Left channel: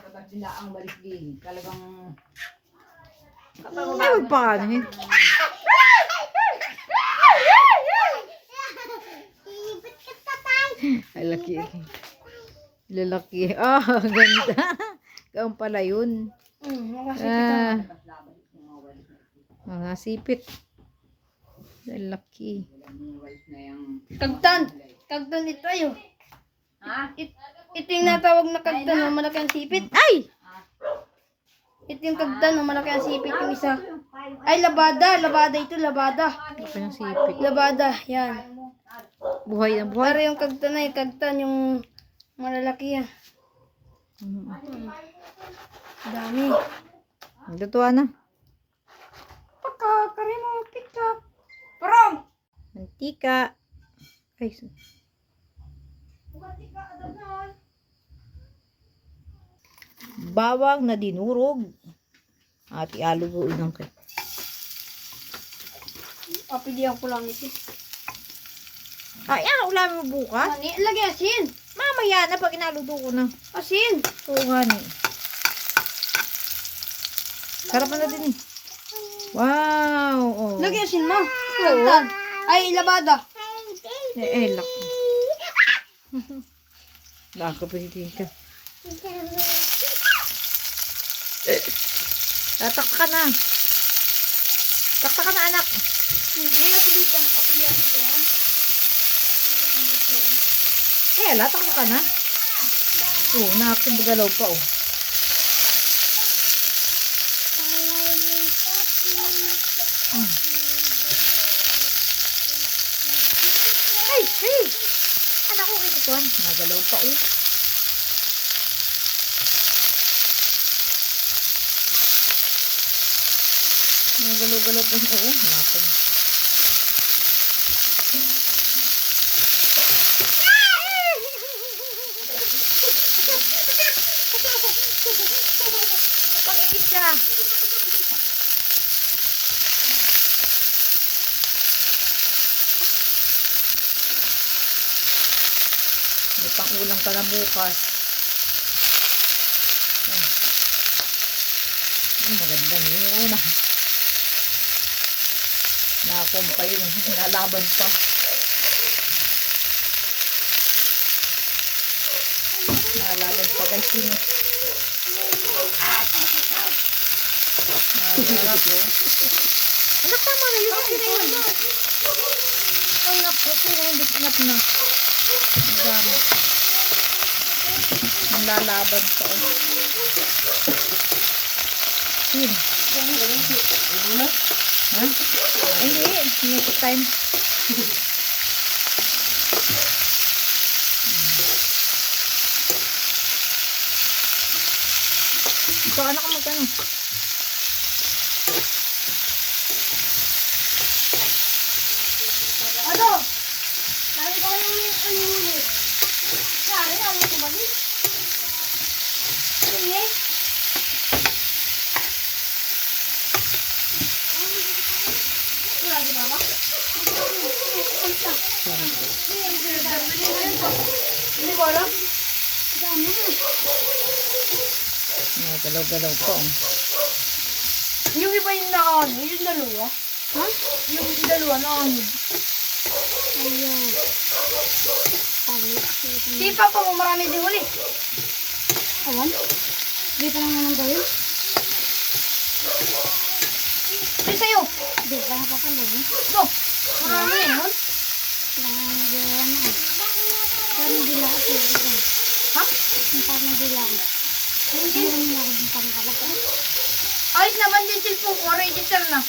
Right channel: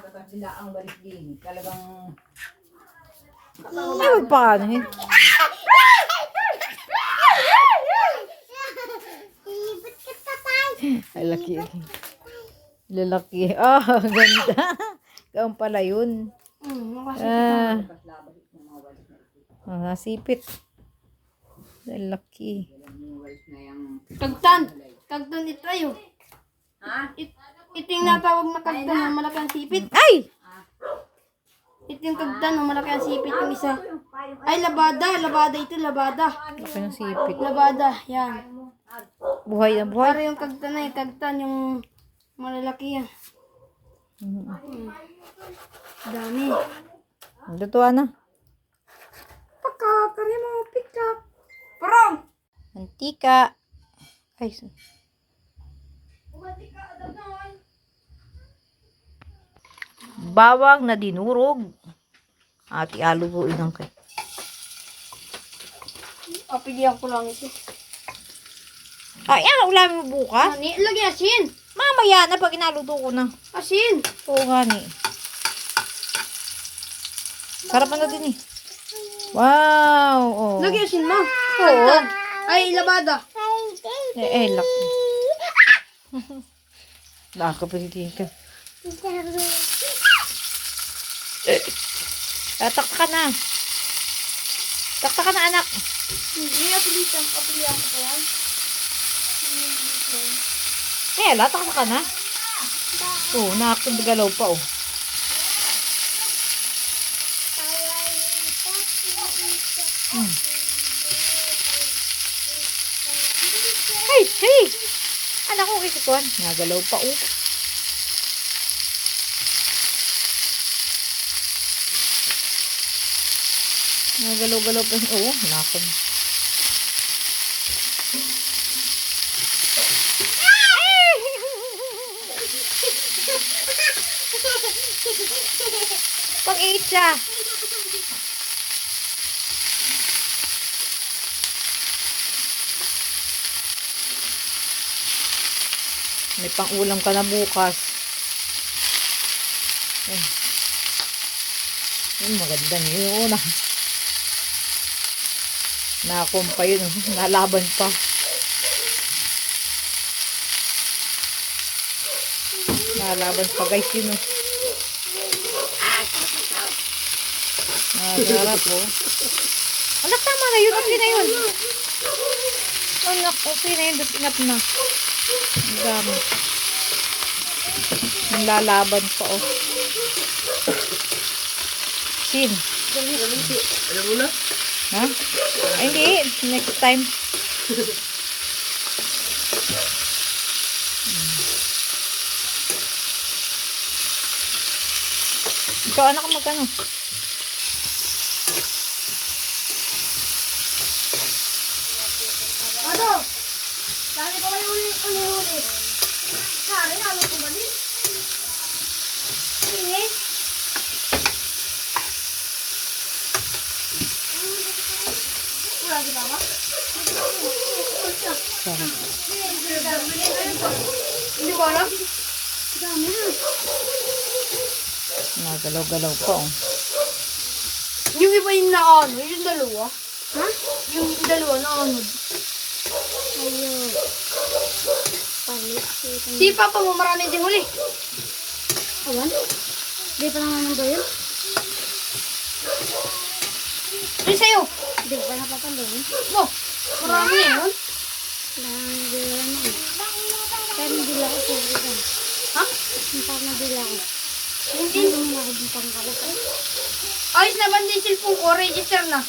tapos bila ang balik din. Talagang Ay, paano eh? Ay, laki. Lalaki. Ah, ganda. Kaon pala yun. Ah, mga sipit. Lalaki. Kagtan. Kagtan ito ayo. Ha? Ito yung natawag na kagtan ng malaki ang sipit. Ay! Ito yung kagtan ng malaki ang sipit yung isa. Ay, labada. Labada ito, labada. Laki ng sipit. Labada, yan. Buhay na buhay. Para yung kagtan na yung kagtan yung malalaki yan. Dami. Natutuwa na. Pakakari mo, pikak. Parang! Mantika. Ay, bawang na dinurog. At ialuguin ng kay. Pilihan ko lang ito. Ay, ulamin mo bukas. Ani, lagi asin. Mamaya na pag inaluto ko na. Asin. Oo nga ni. Sarapan na din eh. Wow. Oh. Lagi asin mo. Oo. Kagtan. Ay, labada. Laki. Nakakapagiging ka. Takta ka na. Takta ka na, anak. Hindi, apilitan. Apilihan ko yan. Takta ka na. Oo, nakakagalaw pa, oh. Hey! Anak ko, ito. Nagalaw pa, oh. Nagalaw-galaw pa, oh. Nakakag. Pag-iit siya. May pang-ulam ka na bukas. Magandang yun. Nakakumpa yun. Nalaban pa. Nalaban pa guys yun. Sarap oh. Anak, tama na yun. Okay na yun. Anak, okay na yun. Enough na. Ang dami. Nalalaban pa oh. Sin. Ha? Ay, hindi. Next time. Ikaw, anak, magkano? Ano? Lagi pa kayo ulit. Sari, ano ko balik? Sige. Wala di ba ba? Sarap. Hindi ko alam. Nagalaw-galaw pa oh. Yung iba yung nakaano, yung dalawa. Ha? Yung dalawa nakaano. Si Papa mo marami din huli. Awan? Dito lang naman tayo. Ay, sa'yo. Dito lang napapandawin. Bo, marami yun. Pero hindi lang ako. Ha? Parang hindi lang ako. Hindi lang ako din pangkalat. Ayos naman din cellphone ko. Register na.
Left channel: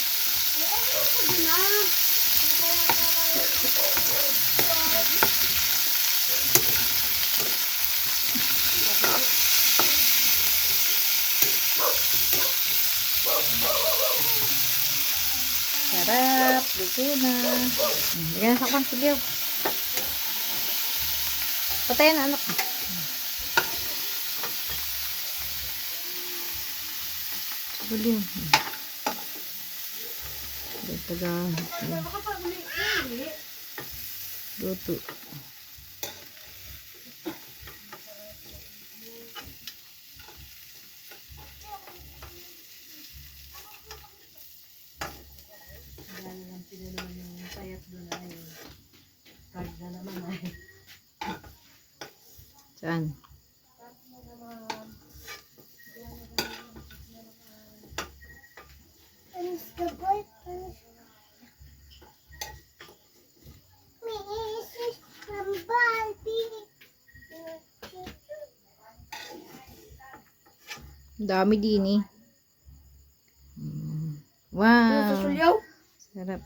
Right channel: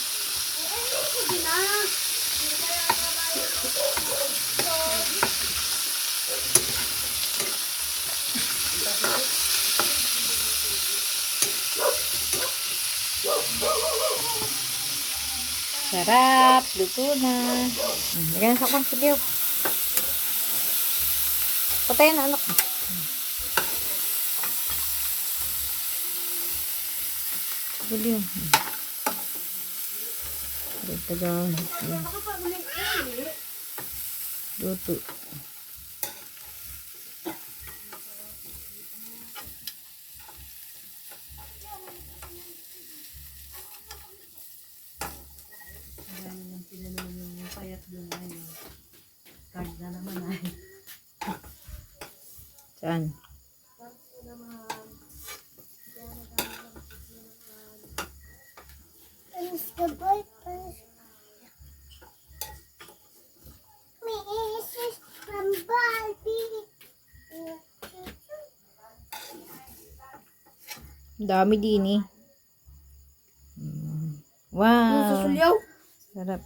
Sarap. Luto na. Bigyan na sa kwan. Sige. Patayin na anak. Sige. Taga. Luto. Saan? Panis ka boy, panis. Mrs. from Barbie. Ang dami din eh. Wow. Susulyaw. Sarap.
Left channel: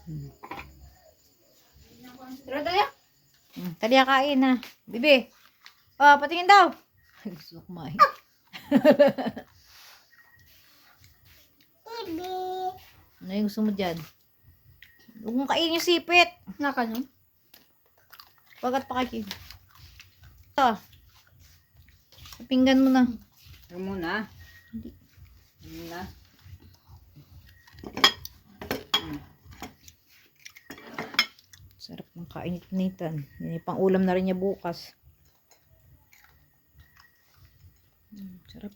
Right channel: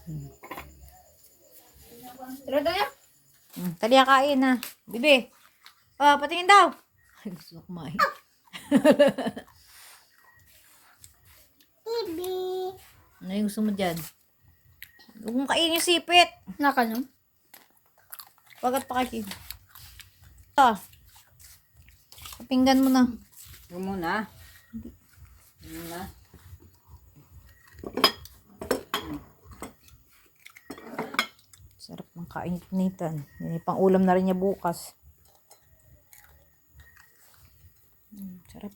Tara tayo. Taliya kain na. Bibi. Oh, patingin daw. Ay, gusto ko kumain. Bibi. Ano yung gusto mo dyan? Huwag mong kainin yung sipit. Naka no? Pagkat pakakin. Ito. Kapinggan mo na. Ito muna. Ito muna. Sarap ng kainit-nitan. Yan yung pang ulam na rin niya bukas. Sarap.